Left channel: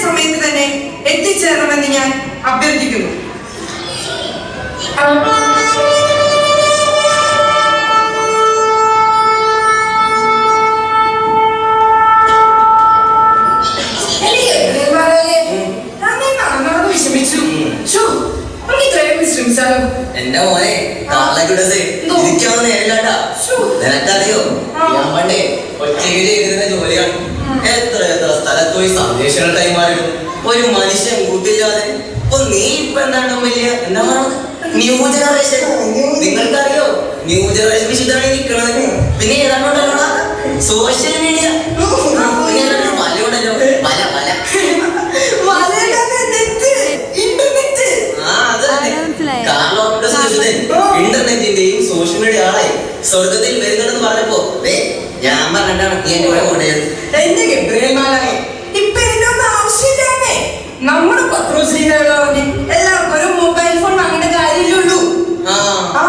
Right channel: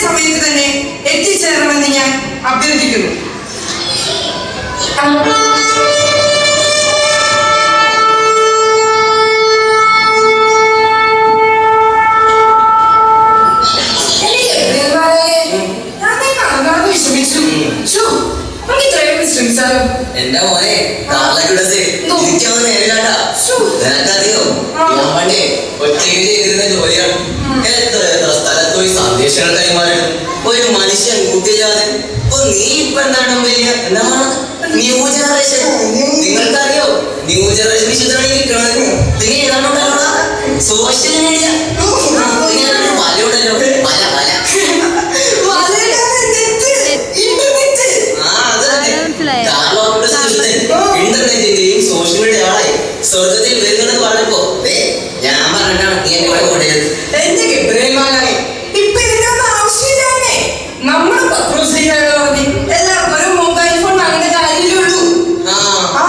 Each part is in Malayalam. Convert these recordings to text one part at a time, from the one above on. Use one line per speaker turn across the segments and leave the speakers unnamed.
കൃത്യസമയത്ത് തന്നെ എത്തിച്ചേരണമെന്ന് ഞാൻ അഭ്യർത്ഥിക്കുന്നു.
എന്റെ മോനെ
ശ്ശോ.
ഞാൻ പണ്ടേ ജോലിയാണ്. എത്ര എത്ര സ്ഥലത്ത് പോയി സന്ദേശങ്ങൾ കൈമാറിയിട്ടും ഒരു മനുഷ്യൻ കൂട്ടില്ലാതെ. ഇപ്പൊ നീ ഇപ്പൊ എന്താണ് വലിയ എന്താ പറയുന്നത് ന്യൂ ജനറേഷൻ നിങ്ങൾക്കറിയോ? ന്യൂ ജനറേഷൻ വിശുദ്ധമായി നിൽക്കുന്നത് പിന്നെ ഏതാണ്ടുണ്ടല്ലോ സോഷ്യൽ മീഡിയ മലയുണ്ടല്ലോ. മല മല? ഇന്റർനെറ്റിന്റെയും സോഷ്യൽ മീഡിയ ആളായി. സ്വർഗത്തിൽ വരുന്നെന്ന് പറഞ്ഞപ്പോ ഞാൻ പറഞ്ഞിട്ടാണ് നീ എന്നെ കൂടെ കൊണ്ടുവരുന്നത്
എന്റെ ഗബ്രിയൽമാലാണേ ഇപ്പൊ ഇതിനൊന്നും ആവശ്യമില്ലാന്നേ നമ്മൾ പത്രോശ്രീകളെ പറഞ്ഞ് എല്ലാവർക്കും ഒരു മൊബൈൽ ഫോൺ വാങ്ങേണ്ട കാര്യമില്ലുള്ളൂ
ആ
ആ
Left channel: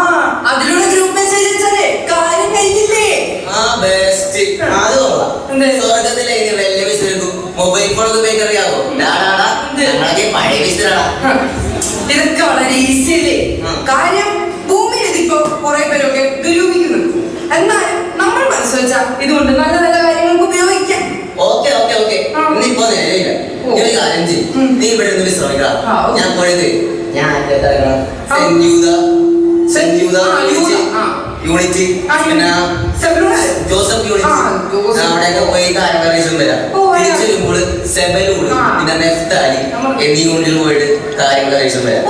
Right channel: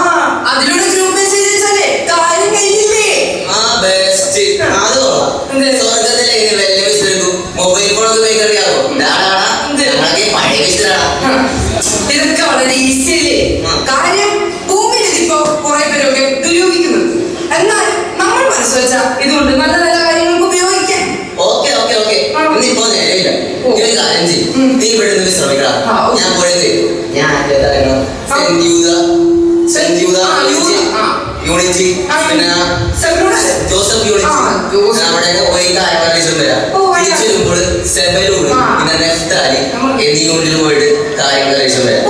അതിലൂടെ ഗ്രൂപ്പ് മെസ്സേജ് അയച്ചാലേ കാര്യം കഴിയില്ലേ
ആ ബെസ്റ്റ് അത് കൊള്ളാം
എന്ത്?
സ്വർഗത്തിൽ എങ്ങനെ വെല്ല വെച്ചെടുക്കും മൊബൈൽ ഫോൺ ഒക്കെ ഉപയോഗിക്കാൻ അറിയാവോ?
എന്ത്?
ഞങ്ങളൊക്കെ പഴയ വെച്ചിട്ടാടാ
ഇതൊക്കെ വളരെ ഈസി അല്ലേ കാര്യം ഭൂമിയിൽ ഇതിപ്പോ കുറെ പേരൊക്കെ ഉപയോഗിക്കുന്നുണ്ട് എന്നാലും നമ്മൾ മനസ്സ് വെച്ചാൽ ഇതുകൊണ്ട് നല്ല നല്ല കാര്യങ്ങൾക്ക് ഉപയോഗിക്കാം.
Okay okay okay. ഇന്നിപ്പോ നിലയില്ല ഒരു കാര്യം ചെയ്യും. നീ ഇവിടെ നിന്ന്
ഓക്കെ.
ഞാൻ പോയത് ഞാൻ. യൂണിറ്റ്. പിന്നെ. Joseph unit. അവിടെയൊക്കെ പോയി കാര്യങ്ങൾ വരാം. തിരിച്ചു വരുമ്പോൾ സെബലൂർ പിന്നെ നെഫ്താലി എന്നീ യൂണിറ്റിൽ പോയിട്ട് കാര്യങ്ങൾ വരാം.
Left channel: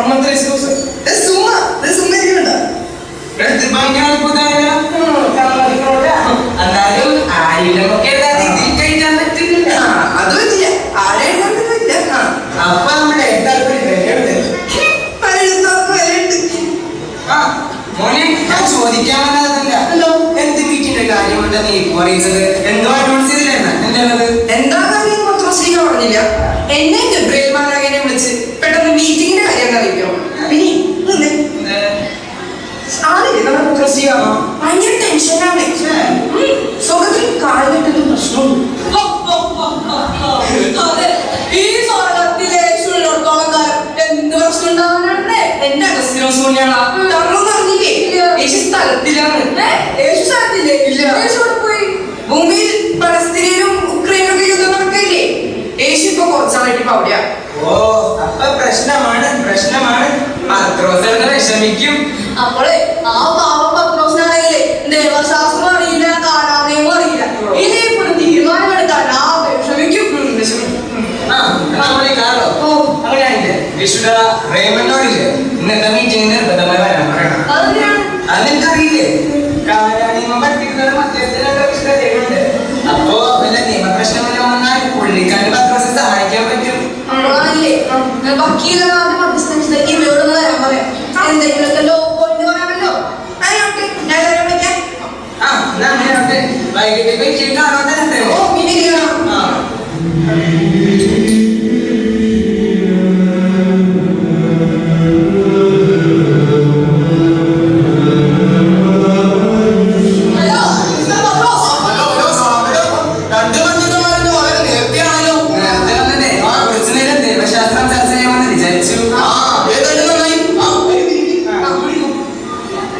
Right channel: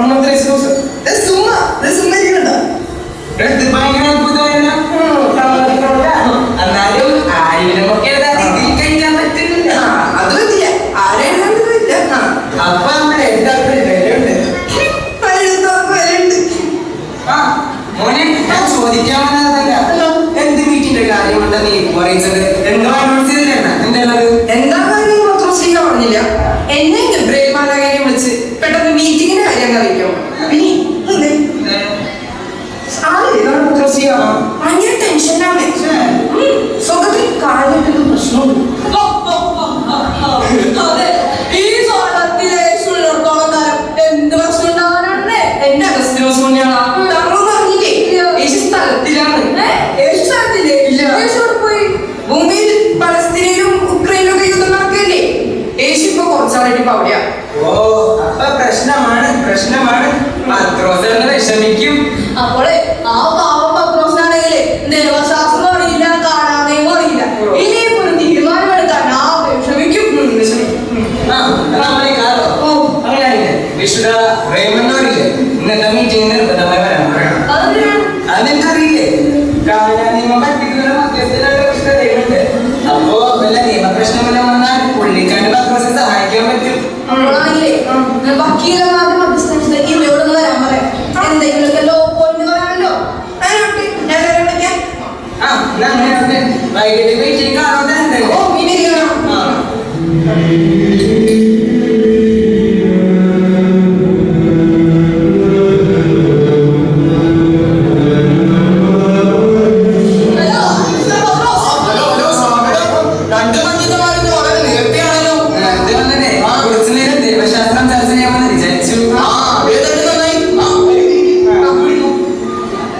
പുസ്തകം ദേ സുമ്മ ദേ സുമ്മ ചെയ്യണ്ട
ഇത് ഭയങ്കര അത്ഭുതമായ എന്നാലും ആരെങ്കിലുമൊക്കെ ഇതിൽ കഴിക്കാൻ പറ്റില്ല
ആ. അത് പറ്റില്ല ആരെയും കണ്ടിട്ടില്ല ആ.
അപ്പൊ നമ്മുടെ എല്ലാവർക്കും വിലയുണ്ട്. ആ മോനെ ഞാൻ ചോദിക്കാൻ വന്നതല്ല എന്ത് വീട്ടിന്റെ കാര്യമുണ്ടെന്ന് പറയുന്നത് എന്തോ അഡ്വാൻസ് ചെയ്തില്ല എന്താണത്
എന്താ കാര്യം മാത്രം ശ്രീക പറഞ്ഞില്ല എന്നെ ഗബ്രേൽ മാലാകനെ വിളിച്ച് പെട്ടെന്ന് മീറ്റിങ്ങിന്റെ കാര്യം അറിയിക്കോ ഇനി നിന്നെ ആരില്ലേ നമ്മുടെ പുത്രശ്രീക ഭയങ്കര ടെൻഷനാണ് സ്വന്തത്തിൽ കാലിട്ടൊരു പ്രശ്നമുണ്ട് അതെ ഈ സ്വർഗത്തിലെ യേശുവിനോടത്തോളം കാലം എന്ത് പ്രശ്നം ഉണ്ടാവാനാണ് എന്റെ അഗസ്റ്റിനോസ് മുന്നെയാണ് കാരണം പറഞ്ഞില്ലേ യേശു സ്ഥലത്തിലാണ് യേശു സ്ഥലത്തില്ലേ ഇല്ല യേശു അവിടെ പോയി ഭൂമിയിൽ പലസ്തീനിലും ഉക്രൈനിലും ഒക്കെ യുദ്ധം നടക്കില്ലേ യേശു ഇപ്പൊ കുറച്ചാളായിട്ട് ഇപ്പൊ അവിടെയാ
ഓ അപ്പൊ പ്രശ്നമാണ് പ്രശ്നമാണ് പത്രോസ് എന്ന് വിഷമിക്കും
അപ്പോളെ ആ പാവ പത്രോസിനാണെങ്കിലേ ദേവശാസ്ത്രം അറിയില്ല കാലാമയം അറിയില്ല ഇനി ഇപ്പൊ ഒരു തീരുമാനമെടുക്കാൻ ആ വിഷമിക്കും ഉം, വിഷമിക്കും ഉം.
ആ എന്നാ നമ്മളെ കാറോ
ഓ
അങ്ങനെയായില്ലേ വിശുദ്ധ റേമണ്ണോരില്ലേ ഇന്നത്തെ മീറ്റിംഗ് നിർബന്ധമായി വരാൻ പറയണം
അതെന്തിനാണ്
അത് നിനക്കറിയില്ലേ നിയമം പഠിപ്പിക്കുന്ന മധ്യസ്ഥനുള്ള വിശുദ്ധ ദൈവമുണ്ട് അപ്പോ വല്ല നിയമപ്രശ്നം വല്ലതും വന്നാൽ പുള്ളിക്കാരൻ പത്രോസിനെ സഹായിക്കാൻ പറ്റും.
അപ്പോഴാണല്ലേ വക്കീലമാരുടെ മധ്യസ്ഥ ഇവയോടൊന്ന് വരാൻ പറയാം എന്തെങ്കിലുമൊക്കെ ലോ പോയിന്റ് പറയാമല്ലോ.
ആ എന്നാ അങ്ങനെ. വൈകിട്ട് മീറ്റിംഗ് കാണോട്ടെ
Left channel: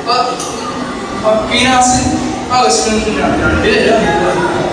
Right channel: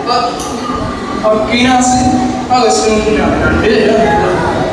Bak, bak binası, bak ısırıncı yani.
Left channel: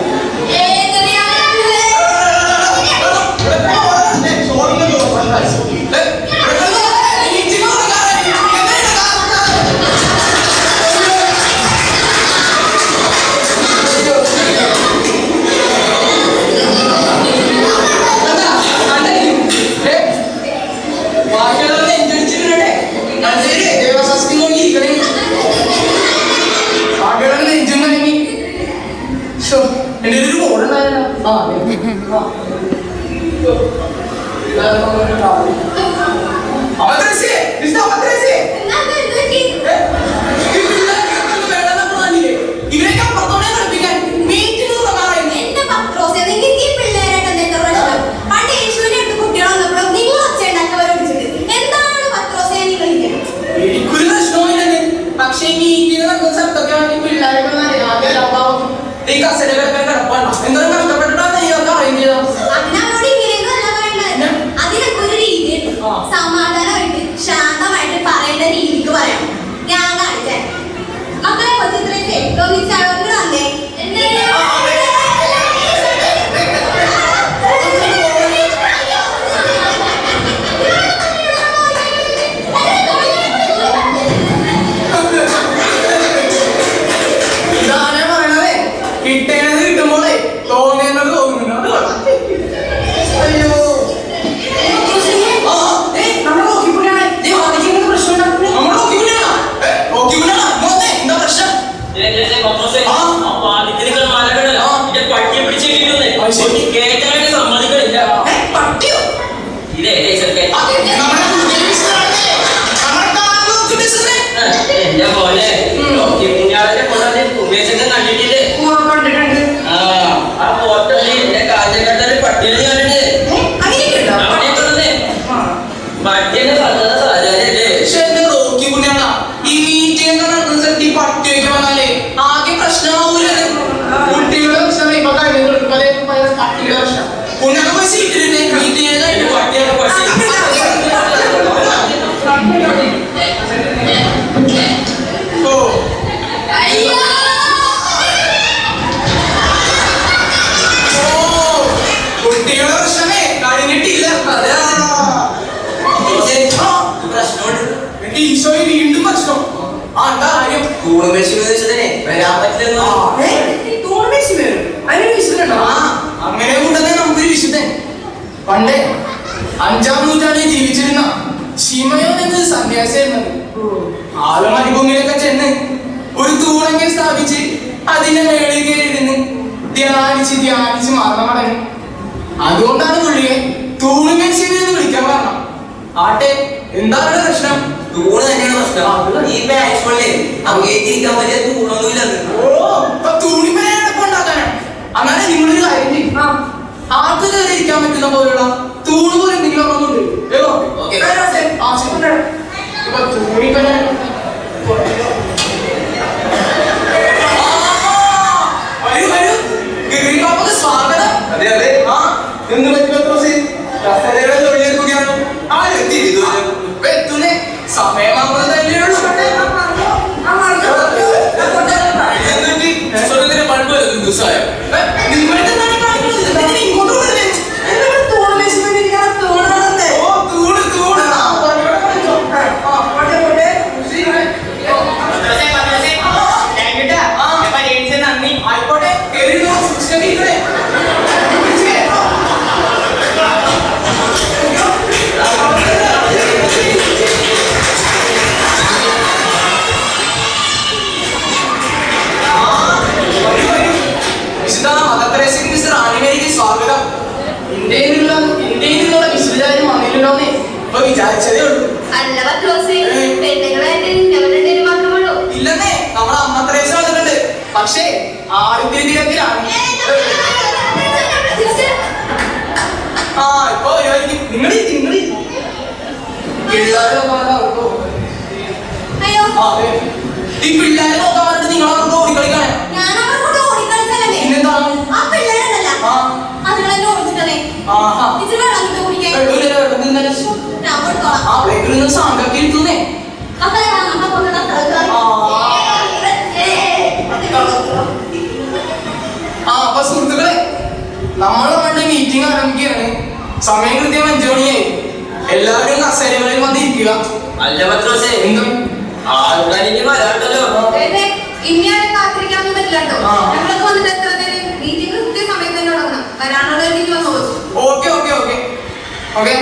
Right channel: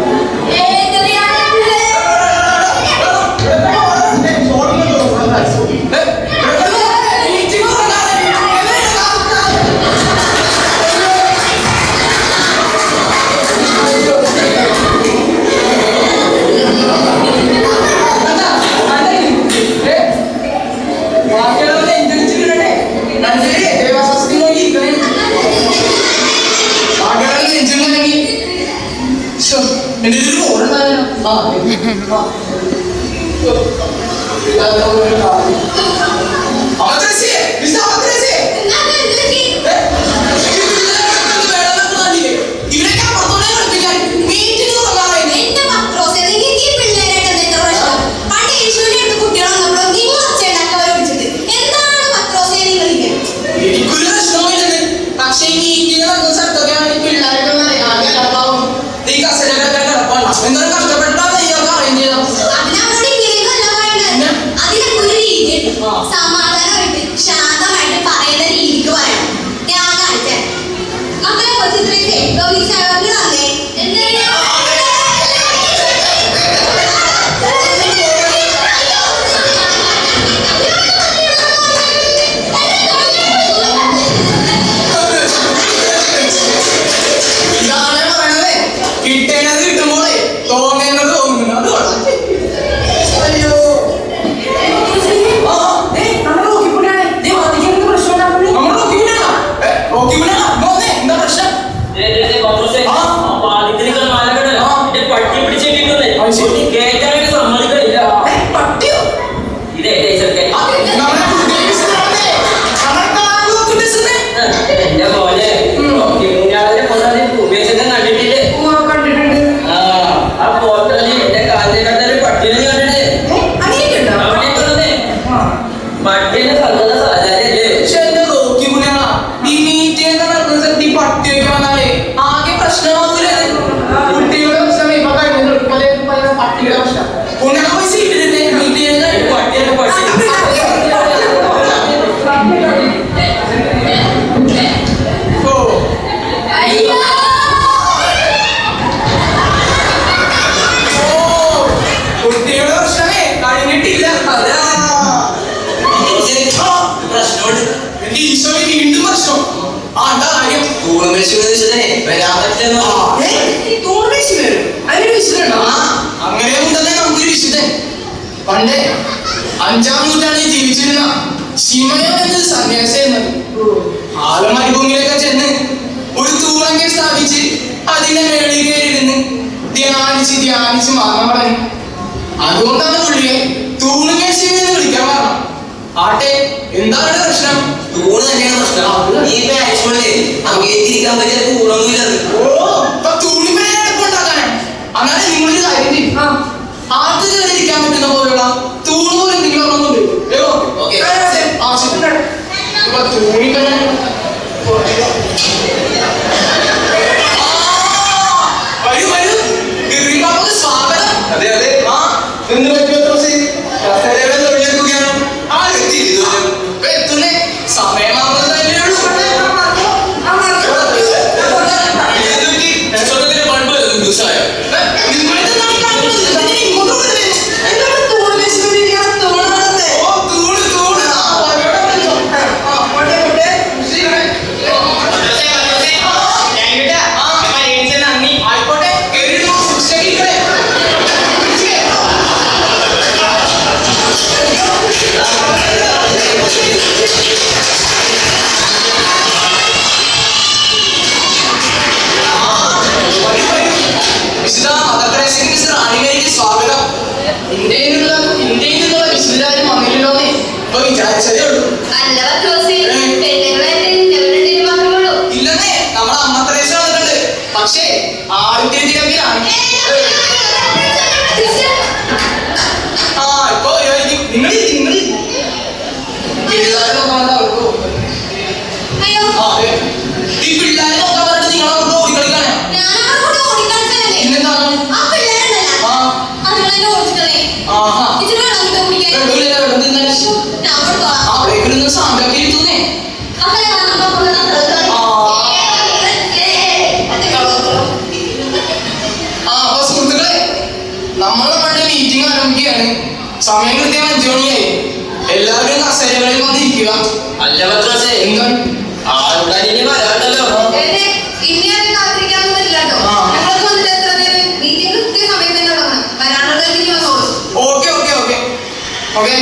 Adresi! Bizde adresi! പിടിച്ചിരിക്കുന്നത് കേറ്റാനായിട്ട് സമ്മതിക്കണില്ല. പട്ടിയോ?
ഇതേ ചെറുക്കാൻ
സ്ഥിതി ആലോചിച്ച് മാറണവിടെ അതുകൊണ്ടാണ് പുള്ളിയെ തൂണുകൽ ശിവി വിളിക്കാൻ കാരണം ആട്ടെ എന്താണ് പ്രശ്നം?
തൂണ് തന്നെയാണ് പ്രശ്നം. അത് ഈ മാച്ചുകളിൽ അംഗീകരിക്കാൻ പറ്റിയ തൂണൊന്നുമില്ല
ഓ തൂണിമനെ ഉണ്ടാക്കാനാണ് അങ്ങനെ നിങ്ങളൊരു കാര്യം ചെയ്യും. ആർക്ക് കയറി ഇരിക്കാൻ പറ്റുന്ന പോലുള്ള തൂണ് പോലെ എന്തെങ്കിലും ഒന്നുണ്ട്
ഓക്കെ.
ആ ശരി. തൂണിപ്പനെ 扫雷吗？വിചാരിച്ചതേ ഉള്ളൂ. ഇല്ലെന്നേ നമ്മളെ അമ്മ വന്നിട്ടുണ്ട് പക്ഷേ ആദ്യത്തെ ദിവസം ആ
അപ്പൊ സുഹൃത്തുക്കളെ നമ്മളെ പണ്ട്
മീറ്റിംഗ്
ആരംഭിക്കുകയാണ്.
സമയം കൃത്യം അഞ്ചു മണിയായി എല്ലാവരും കസേരകളിൽ വന്ന്
അല്ല പത്രോസേ
എന്താ
ആൾക്കാർ ഇനി വരാണ്ടല്ലോ
ഓക്കെ ഓക്കെ ഓക്കെ. ഓക്കെ.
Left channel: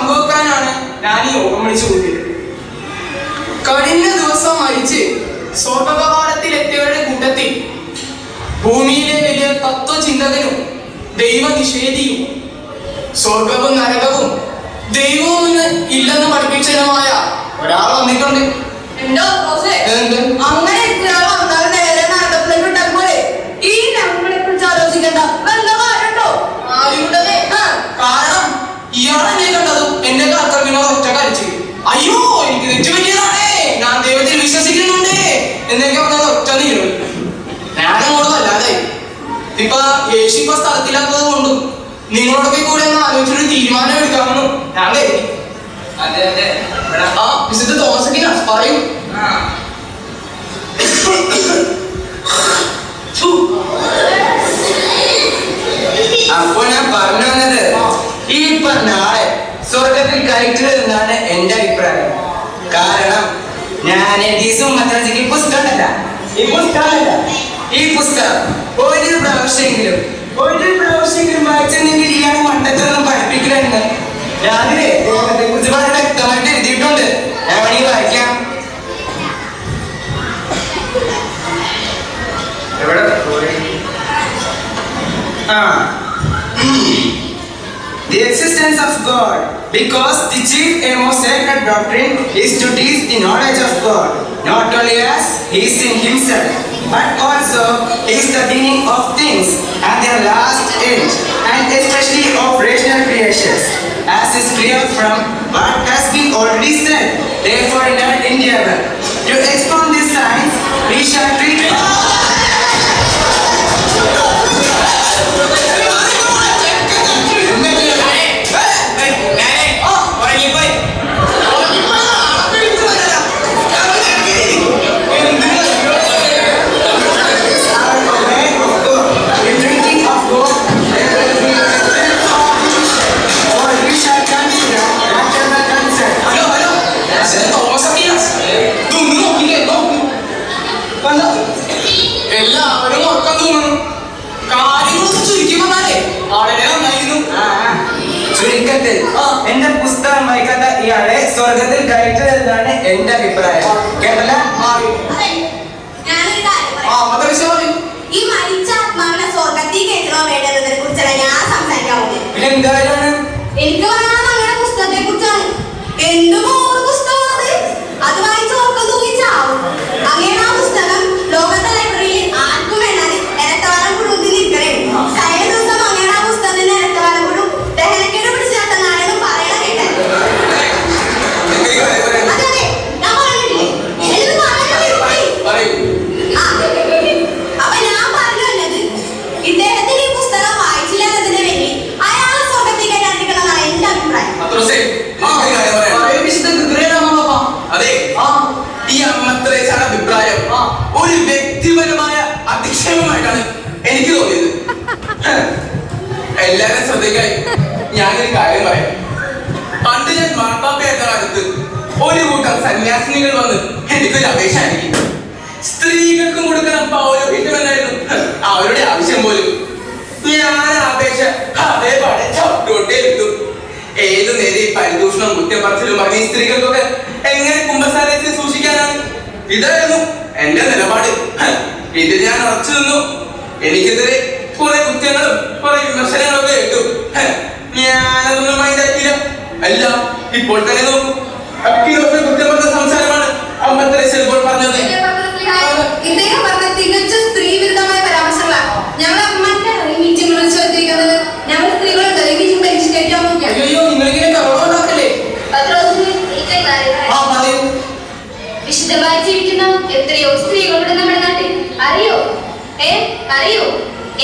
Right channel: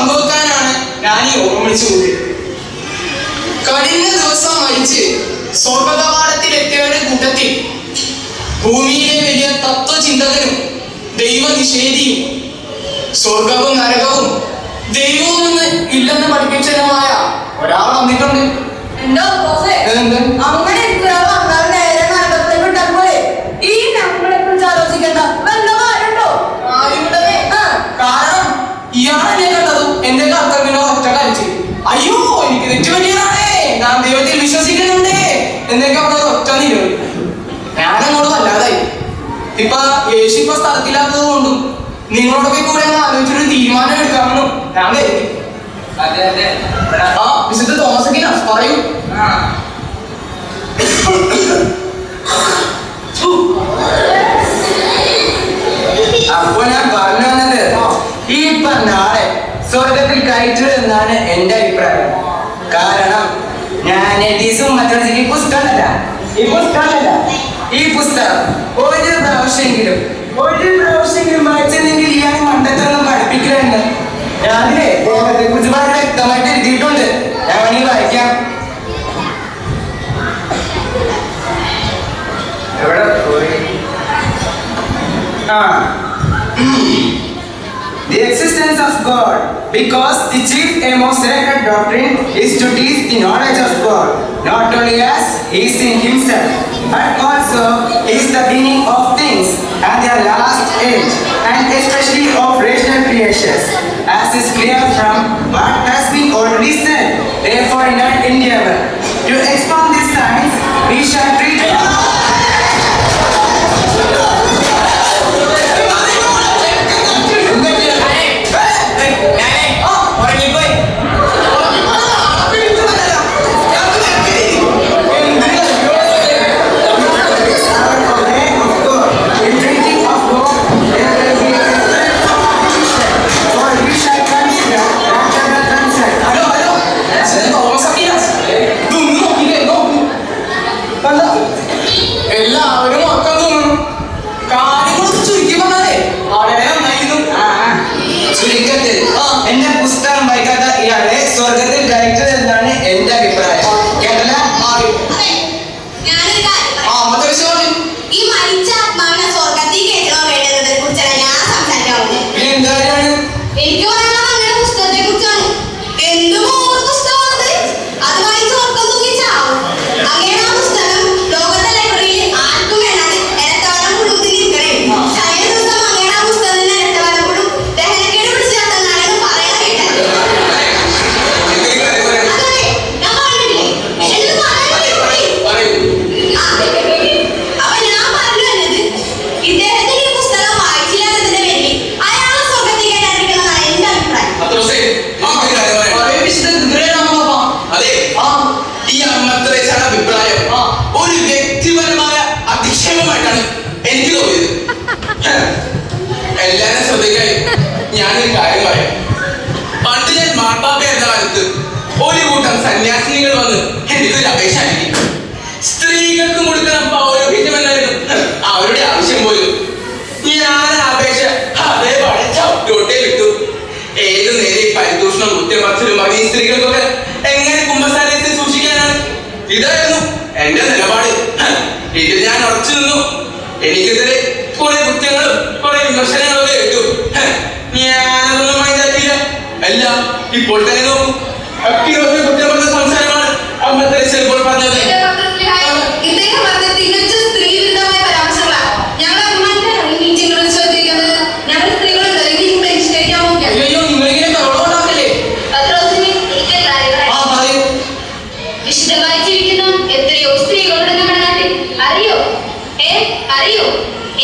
പങ്കുവെക്കാനാണ് ഞാൻ ഈ ഓർമ്മ വിളിച്ചു കൂട്ടിയത് കഴിഞ്ഞ ദിവസം മരിച്ച് സ്വർഗകവാടത്തിലെത്തിയവരുടെ കൂട്ടത്തിൽ ഭൂമിയിലെ വലിയ തത്വചിന്തകനും ദൈവനിഷേധിയും സ്വർഗവും നരകവും ദൈവവും എന്ന് ഇല്ലെന്ന് പഠിപ്പിച്ചതുമായ ഒരാൾ വന്നിട്ടുണ്ട്. എന്ത്?
അങ്ങനെ ഇരിക്കുന്നയാൾ വന്നാൽ നേരെ നരകത്തിലേക്ക് വിട്ടപ്പോഴേ ഈ നമ്മളെ കുറിച്ച് ആലോചിക്കണ്ട വല്ല കാര്യമുണ്ടോ
ആരുണ്ടേ
ആ,
കാരണം ഇയാളെ ഞാൻ കണ്ടത് എന്റെ കർത്തവ്യങ്ങളെ ഒറ്റ കഴിച്ച് അയ്യോ എനിക്ക് തെറ്റു പറ്റിയതാണേ ഞാൻ ദൈവത്തിൽ വിശ്വസിക്കുന്നുണ്ട് എന്നൊക്കെ പറഞ്ഞത് ഒറ്റ നീര് ഞാനങ്ങോട്ട് വല്ലാതായി ഇപ്പൊ യേശു ഇപ്പൊ സ്ഥലത്തില്ലാത്തത് കൊണ്ടും നിങ്ങളോടൊക്കെ കൂടെ ഒന്ന് ആലോചിച്ചൊരു തീരുമാനം എടുക്കാമെന്നും ഞാൻ കരുതി. ആ വിശുദ്ധ തോമസ് പറയൂ.
അപ്പൊ ഞാൻ പറഞ്ഞു വന്നത് ഈ പറഞ്ഞ ആളെ സ്വർഗത്തിൽ കയറ്റുക എന്നാണ് എന്റെ അഭിപ്രായം. കാരണം ഞാൻ എഡീസും മറ്റൊരു പുസ്തകമല്ല. ഈ പുസ്തകമല്ല. ഈ പുസ്തകം ഒരു പ്രാവശ്യമെങ്കിലും ഒരു പ്രാവശ്യമെങ്കിലും വായിച്ചെങ്കിൽ ഇയാൾ മണ്ടത്തൊന്നും പഠിപ്പിക്കലുണ്ട് ഞാനില്ലേ ദേഹത്തെ കുറിച്ച് വളരെ വ്യക്തമായിട്ട് എഴുതിയിട്ടുണ്ട്. ഞാൻ വേണമെങ്കിൽ വായിക്കാം. എവിടെ? പോയി ആ. The existence of God, because the chief aim of sacred doctrine is to teach the knowledge of God, not only as He is in Himself, but also is the beginning of things and their last end, and especially of rational creations, as is clear from what has been already said. Therefore, in our endeavor to expound these signs, we shall treat. എന്റെ
എനിക്കൊരു അപേക്ഷ അയക്കും സ്ത്രീകൾക്ക് കൊടുക്കാൻ പൗരോഹിത്യം എന്നായിരുന്നു അവരുടെ ആവശ്യം പോലും. ഞാൻ അപേക്ഷ അതേ ചവിട്ടോട്ടേ കിട്ടും ഏത് നേരെ പരിദൂഷണം കുറ്റം പറച്ചിലും പറഞ്ഞ സ്ത്രീകൾക്കൊക്കെ എങ്ങനെ കുംഭസാരത്തിൽ സൂക്ഷിക്കാനാണ്? ഇതായിരുന്നു എന്റെ നിലപാട്. ഇതിൽ ഞാൻ ഉറച്ചു നിന്നു. എനിക്കെതിരെ കുറെ കുറ്റങ്ങളും കുറെ വിമർശനങ്ങളും ഒക്കെ കേട്ടു. ഞാനൊന്നും മൈൻഡാക്കിയില്ല അല്ല ഇപ്പോൾ തന്നെ നോക്കും. കുറ്റം
കഴിയൂ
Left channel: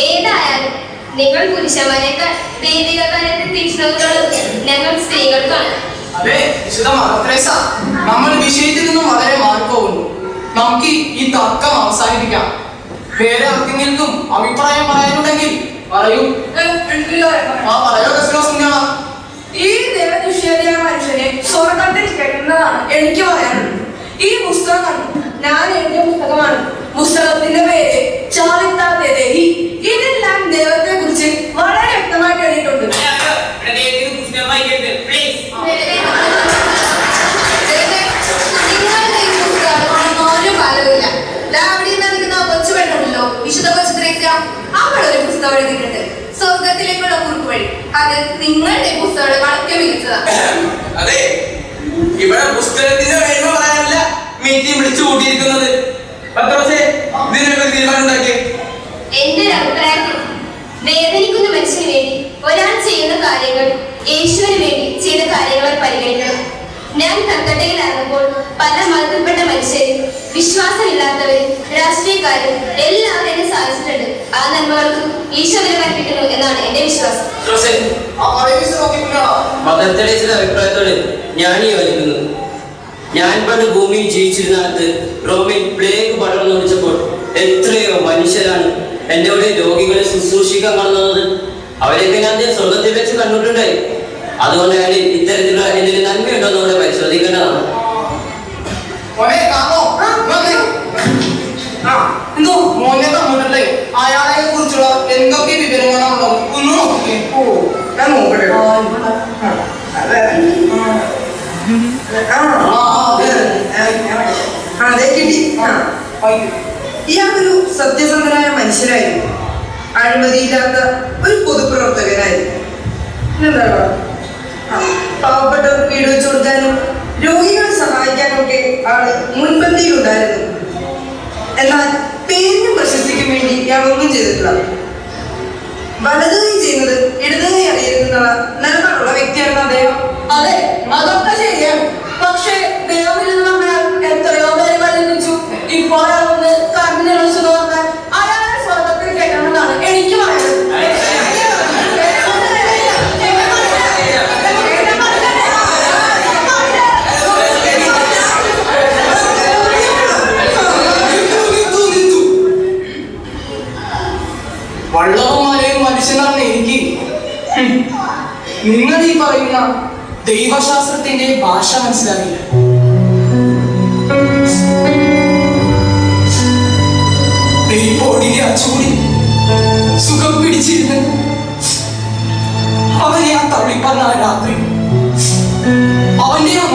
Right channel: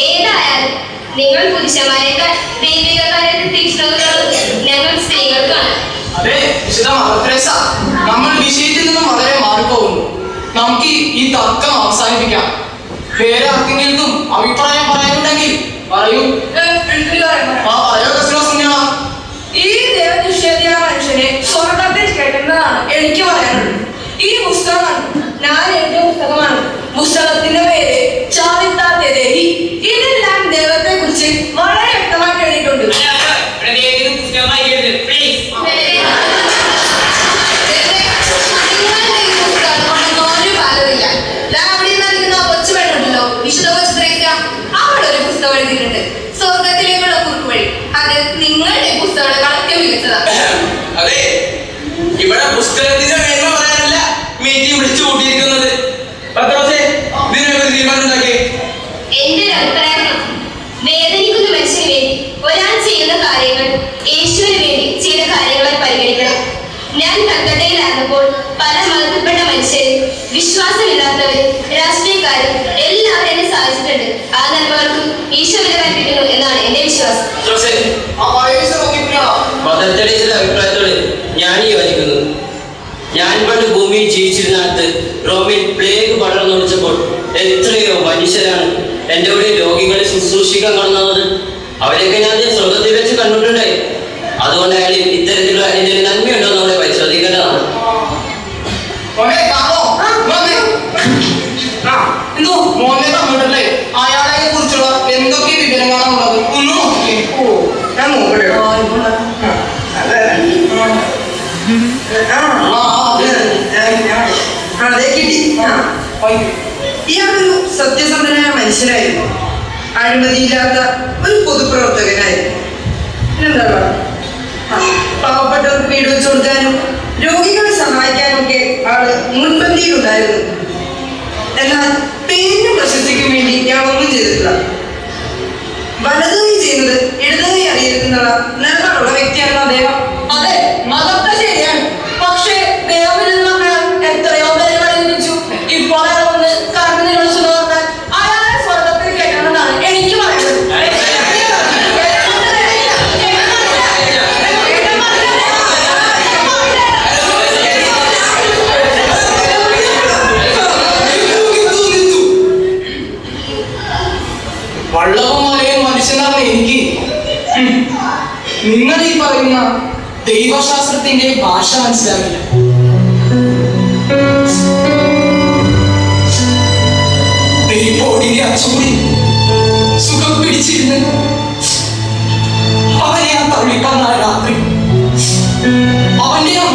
ഏതായാലും നിങ്ങൾ പുരുഷന്മാരെക്കാൾ ദൈവികകാലത്തെ തീഷ്ണതകളും ഞങ്ങൾ സ്ത്രീകൾക്കാണ്.
അതെ വിശുദ്ധ മദർത്രേസ നമ്മൾ വിഷയത്തിൽ നിന്നും വളരെ മാറിപ്പോകുന്നു. നമുക്ക് ഈ തർക്കം അവസാനിപ്പിക്കാം. വേറെ ആർക്കെങ്കിലും അഭിപ്രായം പറയാനുണ്ടെങ്കിൽ പറയൂ. ആ പറയോ വിശ്വാസം
ഈ ദൈവനിഷേധിക മനുഷ്യനെ സ്വർഗത്തിൽ കേൾക്കുന്നതാണ് എനിക്ക് പറയാനുള്ളത്. ഈ പുസ്തകം ഞാൻ എഴുതിയ പുസ്തകമാണ് പുസ്തകത്തിന്റെ പേര് ചാറിത്താത്തെ ഇതെല്ലാം ദൈവത്തെ കുറിച്ച് വളരെ വ്യക്തമായിട്ട് എഴുതിയിട്ടുണ്ട്.
അവനവന്റെ ഭൂമിയിൽ ജീവിച്ചിരുന്നിടത്ത് റോമിൽ പ്ലേഗ് പടർന്നു വെച്ചപ്പോൾ എത്രയോ മനുഷ്യരാണ്. എന്റെ കൂടെ രോഗികളെ ശുശ്രൂഷിക്കാൻ കാണുന്നത് അവരെയൊക്കെ ഞാൻ സ്വന്തത്തിൽ വെച്ച് കണ്ടിട്ടുണ്ടായി. അതുകൊണ്ട് അയാൾ ഇത്തരത്തിലുള്ള എന്തെങ്കിലും നന്മയുണ്ടോ എന്ന് അവിടെ പരിശോധിക്കേണ്ടതാണ്.
എന്തൊക്കെ വിവരങ്ങളാണുള്ളത്? ഒന്ന് നോക്കിയേ
ഓ ഞാൻ നോക്കട്ടെ. ഇയാളൊരു സത്യസന്ധനായ മനുഷ്യനായിരുന്നു. അഴിമതിയില്ലാത്ത ഒരു പൊതുപ്രവർത്തകനായിരുന്നു. എന്താണ് പാവപ്പെട്ടവർക്ക് വീട് വെച്ച് കൊടുക്കാനും രോഗികളെ സഹായിക്കാനും ഒക്കെ ആൾ മുൻപന്തിയിലുണ്ടായിരുന്നു. എന്നാൽ പേരിനും പ്രശസ്തിക്കും വേണ്ടി ഞാൻ ഒന്നും ചെയ്തിട്ടില്ല. വലതുകൈ ചെയ്യുന്നത് ഇടതുകൈ അറിയരുതെന്നുള്ള നിലപാടുള്ള വ്യക്തിയായിരുന്നു അദ്ദേഹം.
അതെ അതൊക്കെ ശരിയാണ്. പക്ഷേ ദൈവം എന്ന് പറഞ്ഞാൽ എത്രയോ
ദൈവശാസ്ത്രത്തിന്റെ ഭാഷ മനസ്സിലാകില്ല ദൈവോടിന്റെ അച്ചൂടിൽ സുഖം പിടിച്ചിരുന്ന് അവനെ ആ തള്ളിപ്പറന്ന രാത്രി അവന്റെ ആ